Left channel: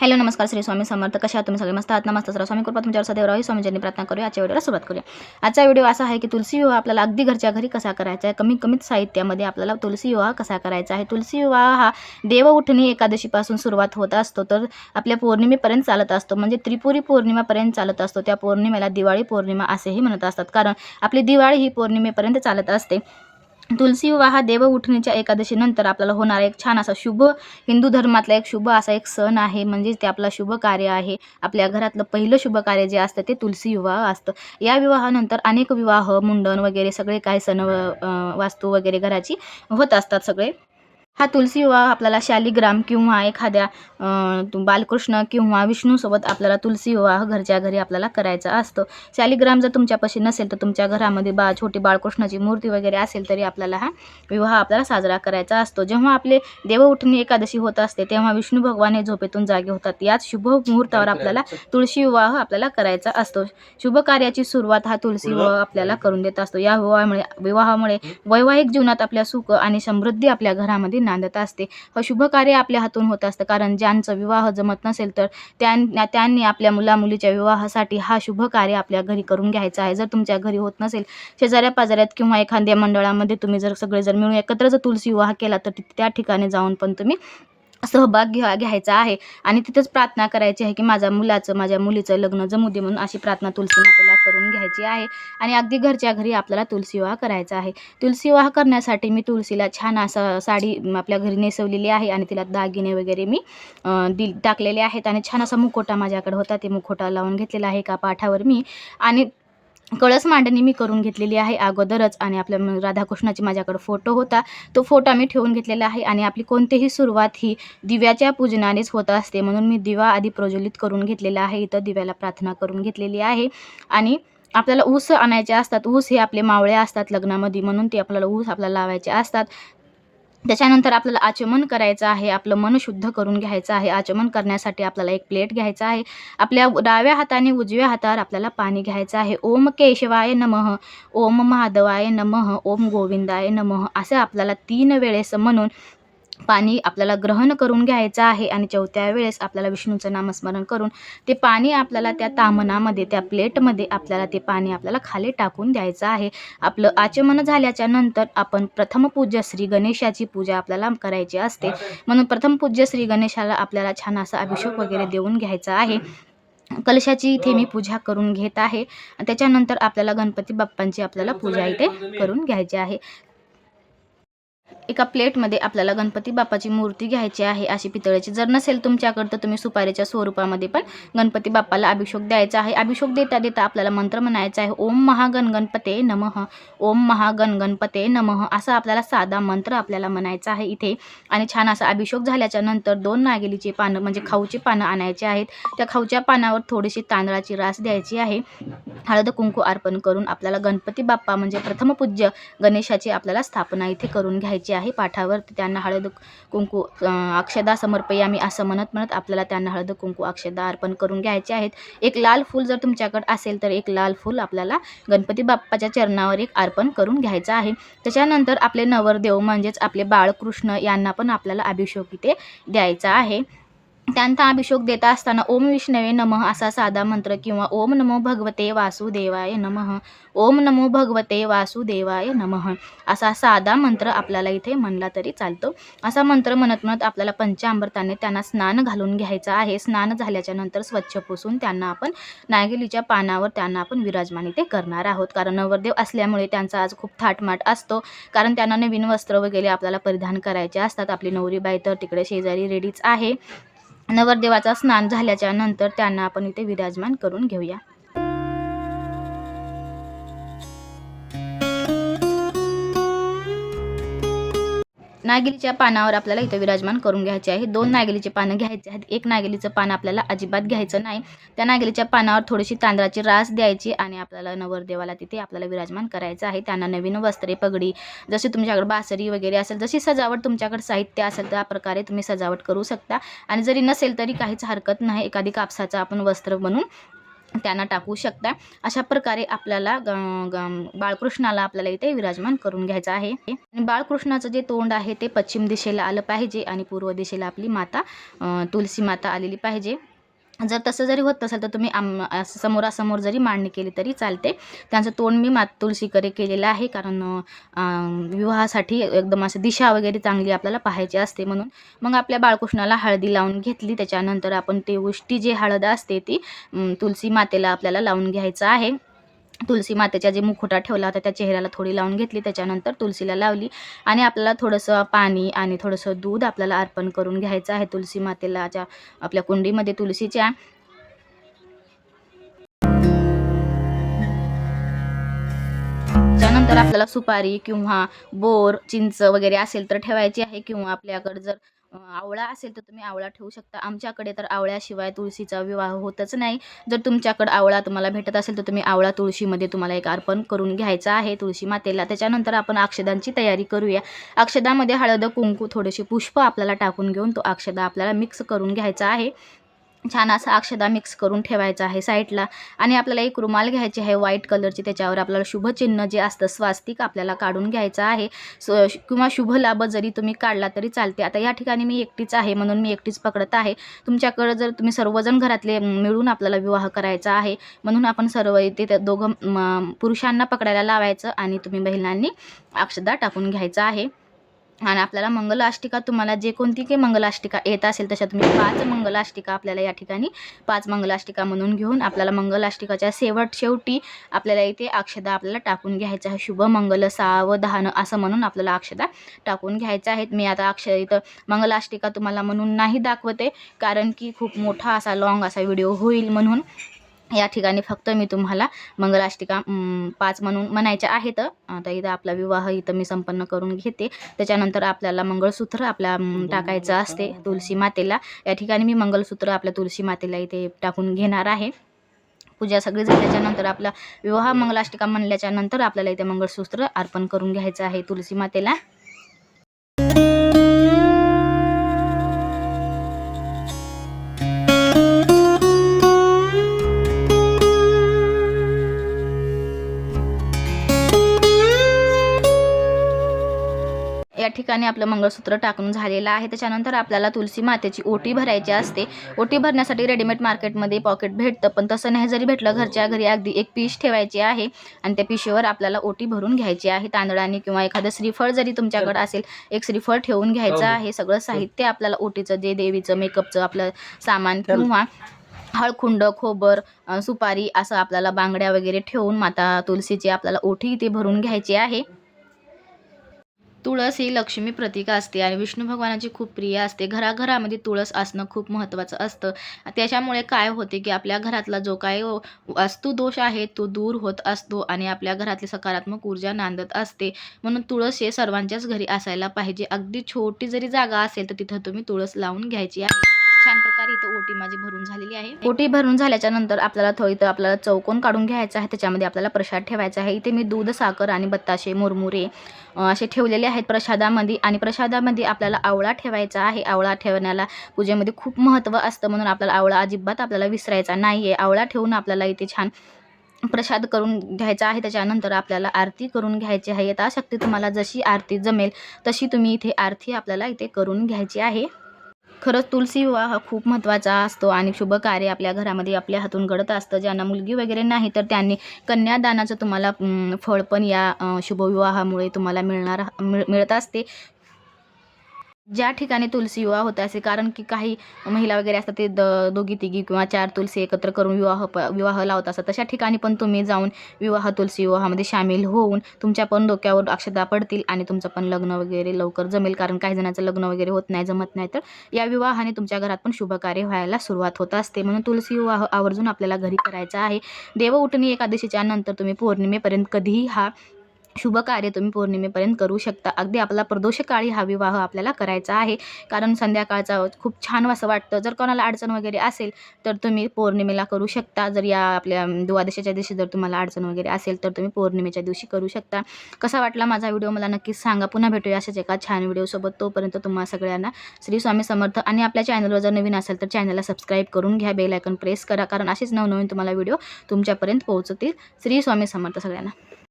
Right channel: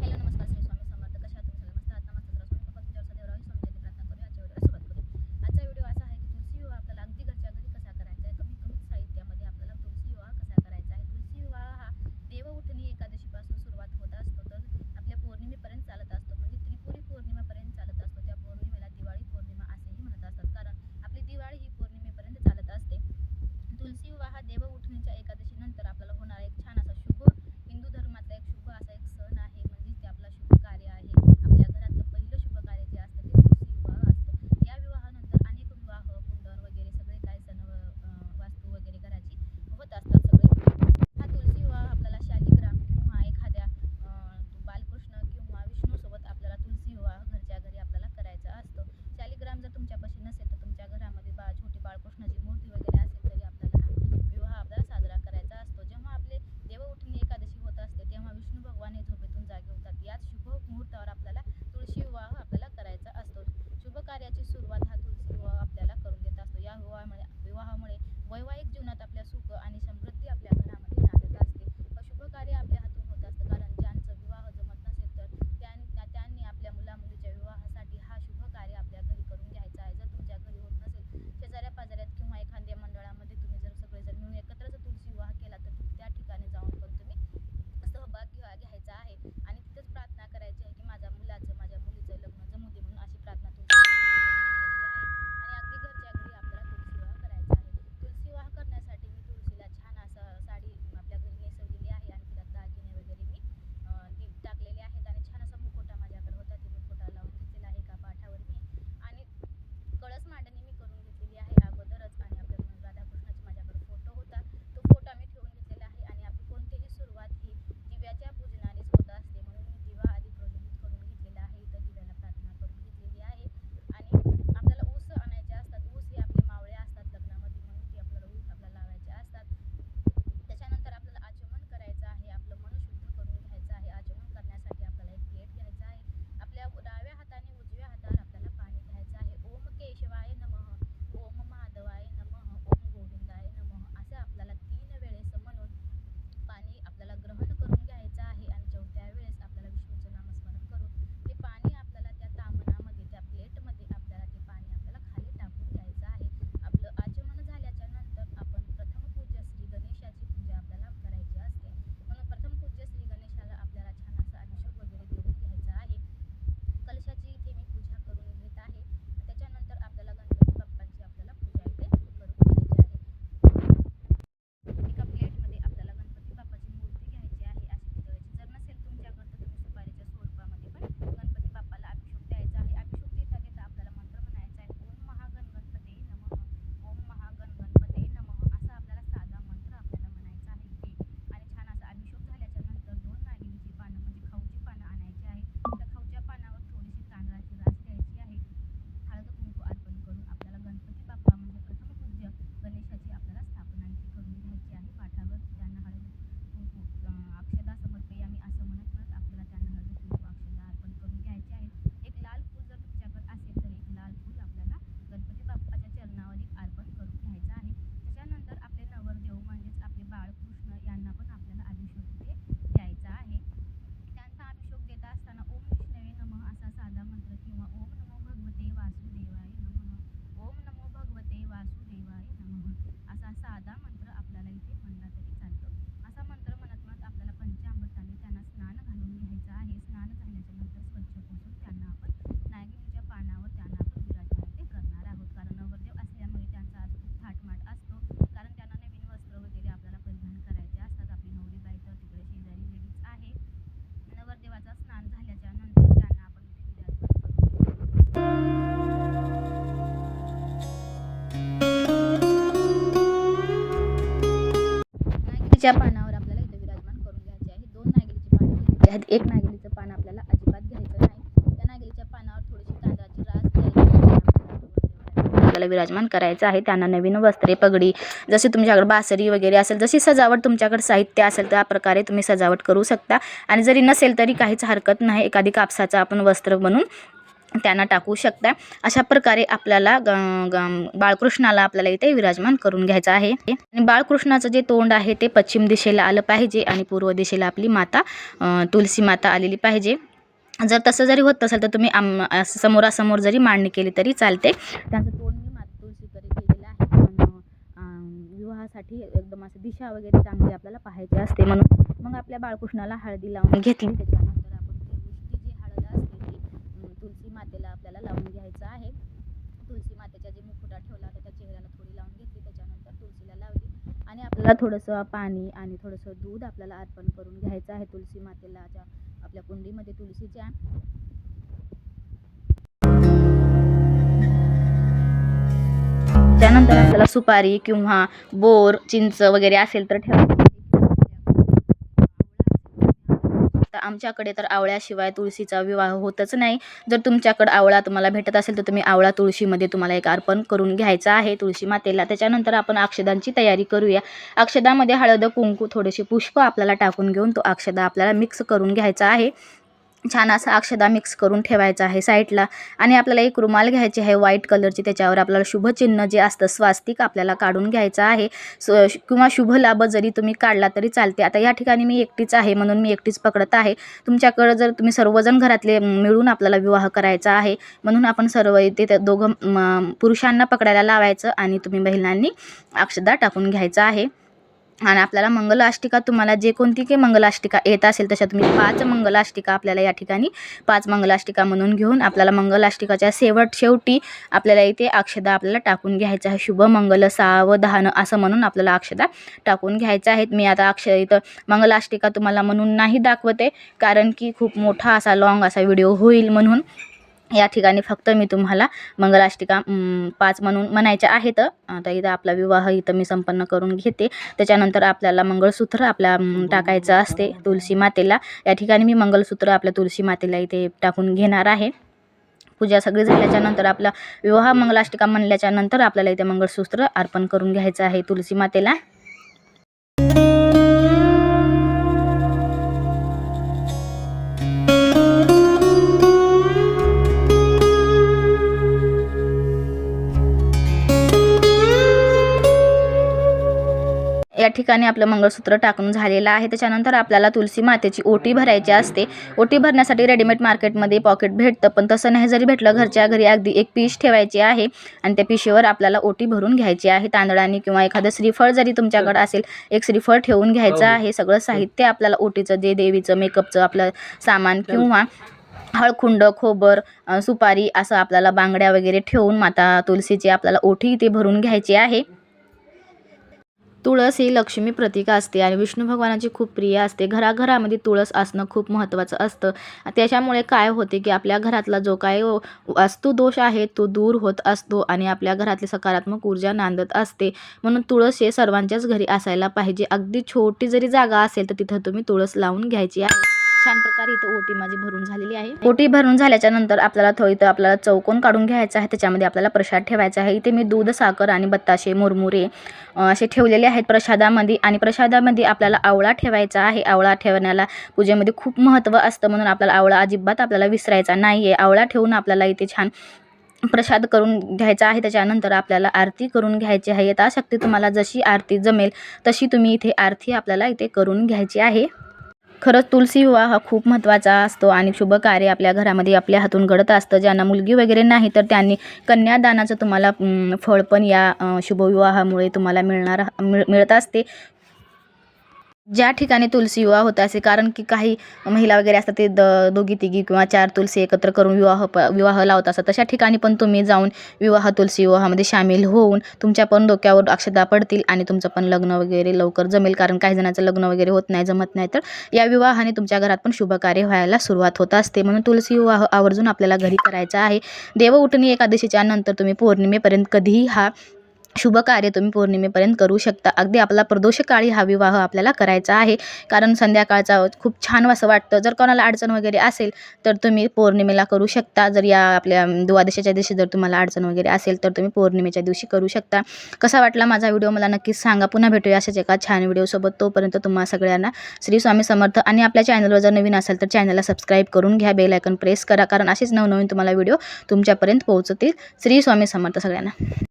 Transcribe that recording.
Hello नमस्कार श्री स्वामी समर्थ. कशा आहात तुम्ही सगळे? मस्त आहात ना? मस्त स्वामी कृपा तुमच्यावर सदैव राहावी. स्वामींची प्रार्थना करूया. आजच्या व्हिडिओला सुरुवात करूया. आजचा व्हिडिओ असा आहे की तुलसी विवाह आपल्याला अगदी घरच्या घरी कसा करायचा आहे, कमीत साहित्यामध्ये आपल्याला तुलसी विवाह कसा करायचा आहे. तुलसी विवाह हा देव उठणी एकादशीपासून सुरुवात होत असतो, तर आपल्या पौर्णिमेपर्यंत चालत असतो, म्हणजे त्रिपुरी पौर्णिमापर्यंत चालत असतो. त्या पौर्णिमेला दिवाळी पौर्णिमा असेही म्हणत असतात, कारण आपली दिवाळी ही पौर्णिमेपर्यंत चालत असते. तुलसी विवाह हा देव उठणीच्या एकादशीनंतर आपल्याला होणारा एक छान असा शुभ, हिंदू धर्मातला एक शुभ असा एक सण आहे, म्हणजे ते आपला शुभ कार्य आहे. आपल्या घरातलं पहिलं शुभ कार्य जे असतं ते तुलसी विवाह असतं. या विवाहानंतर अनेक विवाह, मुंडन वगैरे सगळे काही सण, वास्तू वगैरे घराची होत असतात सगळे. हा तुलसी विवाह आपल्याला शालिग्राम किंवा एखाद्या बालकृष्ण किंवा विष्णूसोबत आपल्याला तुलसी विवाह घरच्या घरी आपल्याला करायचा असतो. शालिग्राम जर तुमच्यापाशी नसेल तर तुमच्या घरामध्ये छोटी बाळकृष्णाची मूर्ती वगैरे असेल तरी आपल्याला हा विवाह आपल्याला साजरा करायचा असतो. जेव्हा आपले देवउठणी एकादशी होत असते तेव्हा विष्णू भगवान हे झोपेतून जागे होतात. याच शुभ मुहूर्तावर आपल्याला तुळशी विवाह आपल्याला करायचा असतो. शुभ कार्याची सुरुवात हा तुलसी विवाह आपल्याला करून देत असतो. या विवाहामुळे वैवाहिक जीवनात आपल्या सुख आणि समृद्धी आपल्या घरामध्ये नांदत असते. हे शुभ कार्य आपल्या हातून होत असतं, कारण ज्यांचा विवाह जमत नसेल तर त्यांनी आपल्या मुलीच्या विवाहासाठी हा शुभ कार्य आपल्या घरी करून घ्यायचा आहे. जर तुमच्या घरी होत नसेल, शेजाऱ्या पाजाऱ्यात किंवा एखाद्या मंडळामध्ये तुम्ही जर सगळेजण मिळून एकत्र जर तुलसी विवाह केला तर त्या ठिकाणी जाऊन पण तुम्ही सहभाग घ्यायचा आहे आणि तिथंच प्रार्थना करायची आहे की माझ्या मुलीचं लग्न जमू दे, म्हणून अशी प्रार्थना तुलसी मातेला करून घ्यायची आहे. आणि अगदी घरच्या घरी आपल्याला तुलसी विवाह करायचा आहे. तुलसी विवाह करण्यासाठी मी तुलसीला छान असं साडी आपल्या घरी नेसवलेली आहे आणि तिला दागिने वगैरे मी टाकलेले आहेत आणि छान असा मुखोटा माझ्याकडे होता, ते मुखोटा लावून घेतलेला आहे एका पाठावर मी. आणि कळस मांडणी मी करून घेतलेली आहे अगोदरच, आणि आपल्या राधाकृष्णाची माझ्याकडे फोटो होता, तो फोटो मी ठेवून घेतलेला आहे. आणि आपली कोणतीही सुरुवात ही दिव्याच्या पूजनानेच होत असते, म्हणून मी दिवा आधी प्रज्वलित करून घेतलेला आहे. इथं दिव्याला प्रार्थना करून घेतलेली आहे. आणि आपल्याला ऊस आणायचे असतात. ऊस हे आपले मावळे असतात लग्नामध्ये, म्हणून ते आपल्याला ऊस आपल्याला लावायचे असतात. त्याच्यानंतर आपल्याला आचमन करायचं आहे, आपलं मन शुद्ध करून घ्यायचं आहे. आचमन करण्यासाठी आपल्याला एक प्लेट घ्यायचा आहे. आपल्या डाव्या हाताने उजव्या हातावर आपल्याला पाणी घ्यायचं आहे. ओम केशवाय नमः, ओम माधवाय नमः, ओम गोविंदाय नमः असं आपल्याला 3 वेळेस म्हणून पाणी आपल्याला ग्रहण करून घ्यायचं आहे. आणि 4थ्या वेळेस आपल्याला विष्णूचं नामस्मरण करून ते पाणी आपल्याला त्या तामनामध्ये, त्या प्लेटमध्ये आपल्याला ते पाणी आपल्याला खाली टाकून द्यायचं आहे. आपलं आचमन झाल्याच्या नंतर आपण प्रथम पूज्य श्री गणेशाची पूजा आपल्याला करायची असते, म्हणून प्रथम पूज्य श्री गणेशाला आपल्याला छान असा अभिषेक वगैरे देऊन घ्यायचा आहे. कलशाची इथे मी पूजा करून घेत आहे. त्याच्यानंतर आपल्याला गणपती बाप्पांची आपल्याला पूजा इथे करून घ्यायची आहे. एका प्लेटमध्ये आपल्याला गणपती बाप्पाची मूर्ती घ्यायची आहे, अशी पितळेची. जर नसेल तुमच्याकडं तर तुम्ही सुपारीच्या स्वरूपामध्ये पण गणपती बाप्पाला अभिषेक द्यायचा आहे. अभिषेक देता देता आपल्याला मंत्र म्हणायचा आहे, ओम महागणगणपते नमः, ओम महागणगणपते नमः असा आपल्याला साधा मंत्र आपल्याला म्हणायचा आहे इथे. आणि छान असा अभिषेक झाल्याच्या नंतर 2 नागेलीची पानं म्हणजे खाऊची पानं आणायची आहेत. त्या खाऊच्या पानावर थोडीशी तांदळाची रास द्यायची आहे. हळद कुंकू अर्पण करून आपल्याला गणपती बाप्पा म्हणजे प्रथम पूज्य गणेशाची आपल्याला स्थापना इथे करून घ्यायची आहे. पाठावर त्यांना हळद कुंकू अक्षदा समर्पयामी असं म्हणत आपल्याला त्यांना हळद कुंकू अक्षदा अर्पण करून घ्यायचे आहेत. एक लाल फूल जर तुमच्याकडे असेल तर एक लाल फूल आपल्याला गणपती बाप्पाच्या चरणावर एक अर्पण करून घ्यायचं आहे. त्याच्यानंतर आपले नवरदेव म्हणजेच आपले बाळकृष्ण यांना पण आपल्याला अभिषेक इथे द्यायचा आहे. त्यांचा अभिषेक देता असताना ओम विष्णवे नमः असा साधा मंत्र किंवा ओम नमो भगवते वासुदेवाय नमः, ओम नमो भगवते वासुदेवाय नमः असा साधा मंत्र आपल्याला इथे म्हणला तरी चालतो. असा मंत्र म्हणत आपल्याला पंचामृताने त्यांना स्नान घालून घ्यायचं आहे. स्नान झाल्याच्या नंतर स्वच्छ पुसून त्यांना आपण नागेलीच्या पानावर त्यांना आपण विराजमान इथे करणार आहोत. कारण नवरदेव असल्यामुळे त्यांचा आज खूप थाटमाट असतो, कारण त्यांना नवीन वस्त्र वगैरे आपल्याला परिधान करायचे असतात. आपली नवरीबाई तर तिकडे शेजारी रेडीच आहे. नवरदेवाचा स्नान झाल्याच्या नंतर त्यांना आपण इथे विराजमान करून घेऊया. नागिलीच्या पानावर आपल्याला इथे विराजमान करून घ्यायचे आहे. 2 नागिलीचे पानं घ्यायचे आहेत. एक नागिलीचं पान आपल्याला अजिबात घ्यायचं नाही. त्या नागिलीच्या पानावर थोडीशी तांदळाची रास द्यायची आणि आपल्याला नवरदेवाला तिथे आपल्याला विराजमान करायचं आहे. त्यांना नवीन वस्त्रे, पगडी, जशी तुमच्याकडे बासरी वगैरे असेल, जशी सजावट तुमच्याकडे साहित्य असेल त्या प्रकारे तुम्ही सजावट करू शकता. आणि जरी नसेल तरी काहीच हरकत नाही. एखादी कापसाचं आपण वस्त्र बनवून त्यांना टाकू शकता. अशा प्रकारे आपल्याला बाळकृष्णाला आपल्याला इथे विराजमान करून घ्यायचं आहे. आणि बाळकृष्णाचं जे तोंड आहे ते पश्चिम दिशेला आलं पाहिजे आणि पूर्व दिशेला आपली माता तुलसी माता आलेली पाहिजे. जर तसं जरी होत नसेल तर तुम्ही समोरासमोर जरी मांडणी केली तरी चालते. त्यांचं तोंड मी तुलसीकडे केलेलं आहे, कारण विवाहासाठी एकदम असं दिशा वगैरे चांगली आपल्याला पाहायची असते म्हणून. मग आपल्या बाळकृष्णाला हळदी लावून घेतली. त्याच्यानंतर आपण ते उष्टी जी हळद असते ती तुलसी मातेला आपल्याला लावून घ्यायचं आहे. तुलसी मातेचा जे मुखवटा ठेवला होता त्या चेहऱ्याला थोडी लावून घेतली. त्याच्यानंतर तुलसीला लावली आणि आपल्याला थोडंसं पाणी आणि थोडंसं दूध आपल्याला अर्पण करून घ्यायचं आहे तुलसी मातेला. आपल्या कुंडीमध्ये तुलसीच्या त्यानंतर आपल्याला सुपारी किंवा बोर चिंच वगैरे असेल तर ठेवायची आहे, किंवा आपल्याकडे जर आवळा असेल तर तुम्ही आवळा ठेवू शकता. आमच्याकडे तर आवळ्याशिवाय तुळशीचा विवाह होतच नाही. जर तुमच्याकडे आवळा तुम्हाला भेटत असेल तर तुम्ही आवळा तुळशीमध्ये तुम्हाला एक अर्पण करून घ्यायचा आहे तुळशी मातेला. त्याच्यानंतर आपण अक्षदांची तयारी करूया. अक्षदामध्ये हळद कुंकू थोडेसे पुष्प आपल्याला टाकून घेऊन तो अक्षदा आपल्याला मिक्स करून घ्यायचा आहे. छान असा अक्षदा मिक्स करून ठेवायचा आहे साईडला. आणि आपल्याला एक रुमाल घ्यायची आहे व्हाईट कलरची. त्याच्यावर आपल्याला शुभचिन्ह जे असतं स्वास्तिक आपल्याला काढून घ्यायचं आहे. किंवा शुभ लाभ जरी तुम्ही काढला तरी चालते. आता या ठिकाणी मी एकटीच आहे म्हणून मी एकटीच पकडत आहे. तुमच्याकडं जर तुम्ही सर्वजण घरातले मिळून आपल्याला विवाह करायचा आहे म्हणून आपण सर्व इथे दोघं पुरुषांना पकडायला लावायचं आणि तुम्ही महिलांनी अक्षदा टाकून घ्यायचा आहे. आणि आपल्याला मंगलाष्टिका तुम्हाला जे कोणती काही मंगलाष्टिका येत असेल तशा तुम्ही 5 मंगलाष्टिका आपल्याला या ठिकाणी 5 मंगलाष्टिका म्हणून घेऊन आपल्याला मंगलाष्टिकाच्या शेवटी आपल्याला इथे अक्षदा आपल्याला टाकून घ्यायचं आहे. शुभ मंगल सावधान असं म्हणून आपल्याला अक्षदा टाकून घ्यायचं आहे. मी आता इथं मंगलाष्टिका तुम्हाला म्हणून नाही दाखवते, कारण की खूप मोठा असा लॉंग असा व्हिडिओ होईल म्हणून या ठिकाणी फक्त मी तुम्हाला मंगलाष्टिका 5 म्हणून म्हणायच्या आहेत. आता इथं आपला विवाह इथं मी संपन्न करून घेते. त्याच्यानंतर आपल्याला मंगळसूत्र आपल्या टाकायचं असते तुलसी मातेला. या ठिकाणी मी मंगळसूत्र आपल्या तुलसी मातेला इथे टाकून घेणार आहे. पूजा सगळी झाल्याच्यानंतर आपला विवाह मंगलाष्टिका म्हणल्याच्यानंतर आपल्याला इथे मंगळसूत्र अर्पण करून घ्यायचं आहे तुलसी मातेला. या ठिकाणी आपलं मंगळसूत्र टाकून झालेलं आहे. त्याच्यानंतर आपल्याला तुलसी मातेची ओटी भरायची असते. ओटी भरण्यासाठी रेडीमेड मार्केटमध्ये पॉकेट भेटतं, पण तसं नाही जरी भेटलं घरच्या घरी अगदी एक पिश ठेवायची आहे आणि त्या पिशीवर आपल्याला ओटी भरून घ्यायची आहे. तांदळाने किंवा एखादं श्रीफळ जरी तुमच्याकडे असेल एक श्रीफळ ठेवून घ्यायचं आहे. सगळं साहित्य आपल्याला ओटीचं जे देवीचं मेकअपचं आपलं सामान किंवा हळकुंड खोबर सुपारी असं आपल्याला बांगड्या वगैरे ठेवून माता तुलसीची आपल्याला ओटी इथे भरून घ्यायची आहे. तुळस ही लक्ष्मी प्रतीक असते आणि विष्णू भगवानाची खूप प्रिय असते. घराघरामध्ये तुळस असणं खूप महत्त्वाचं असतं. त्याच्यामुळे काय होते की आपल्या घरातला जो काय वास्तुदोष आहे तो दूर होत असतो आणि आपल्या घरातली सकारात्मक ऊर्जा नांदत असते. म्हणून तुळस हे सर्वांच्याच घरी असायला पाहिजे. अगदी छोटी जरी जागा असेल तर तिथं तुम्ही तुळस लावून घ्यायची आहे. छान प्रकारे इथं ओटी माझी भरून झालेली आहे. ओटी भरून झाल्याच्या नंतर इथं आपल्याला चौकोन काढून घ्यायचा आहे. त्याच्यामध्ये आपल्याला प्रसाद ठेवायचा आहे. इथे मी दूध साखर आणि बत्ताशे मुरमुरे असे ठेवलेले आहेत प्रसादामध्ये. आणि प्रसादामध्ये आपल्याला आवळा ठेवायचा आहे. आवळा ठेवण्याला पूजेमध्ये खूप महत्त्व असतं म्हणून आपल्याला आवळा अजिबात आपल्याला विसरायचा नाही आहे. आवळा ठेवून आपल्याला इथे छान प्रसाद करून घ्यायचा आहे. त्याच्यानंतर आपल्याला आरती करून घ्यायची आहे. यथाशक्ती तुम्हाला जशी आरती जमेल तशी तुम्ही इथे आरती आपल्याला इथे करून घ्यायची आहे. खरंच तुलसी विवाह हा खूप महत्त्वाचा असतो आणि शुभ कार्य आपल्या घरामध्ये आपल्या हातून घडत असतं. ज्यांना मुलगी वगैरे नाही तर त्यांनी कन्यादानाचं तुम्हाला फळ पण या शुभविवाहामुळे तुम्हाला मिळत असते. ज्या ठिकाणी तुलसी विवाह होत असे, कारण की काही महिला वगैरे असतात ते दोघी तिघी किंवा 4 तुलसी एकत्र करून विवाह लावत असतात. तशा ठिकाणी पण तुम्ही जाऊन तुलसी विवाहामध्ये सामील होऊन तुमच्या पण डोक्यावर अक्षता पडतील आणि तुमचं पण लग्न वगैरे लवकर जमेल. कारण काही जणांचं लग्न वगैरे होत नाही, जमत नाही, तर या विवाहाने तुमच्या घरात पण शुभकार्य व्हायला सुरुवात होत असते. म्हणून तुलसी विवाह आवर्जून आपल्याला घरी करायचा आहे. देवउठणी एकादशीच्या नंतर तुम्ही पौर्णिमेपर्यंत कधीही हा शुभ कार्य तुम्ही पौर्णिमेपर्यंत करू शकता. अगदी आपला प्रदोषकाळी हा विवाह आपल्याला करायचा आहे, कारण संध्याकाळचा खूप छान असं वाटतं. जर कोणाला अडचण वगैरे असेल तर तुम्ही पौर्णिमेला करू शकता. जर या आपल्या द्वादशीच्या दिवशी जर तुम्हाला अडचण वगैरे असेल तर तुम्ही पौर्णिमेच्या दिवशी करू शकता. कसा वाटला माझा व्हिडिओ मला नक्कीच सांगा. पुन्हा भेटूया अशाच एका छान व्हिडिओसोबत. तोपर्यंत तुम्हा सगळ्यांना श्री स्वामी समर्थ. आणि आपल्या चॅनलवर जर नवीन असेल तर चॅनलला सबस्क्राईब करून घ्या, बेल आयकॉन प्रेस करा, कारण असेच नवनवीन तुम्हाला व्हिडिओ तुमच्यापर्यंत पोहोचतील. श्री स्वामी समर्थ सगळ्यांना.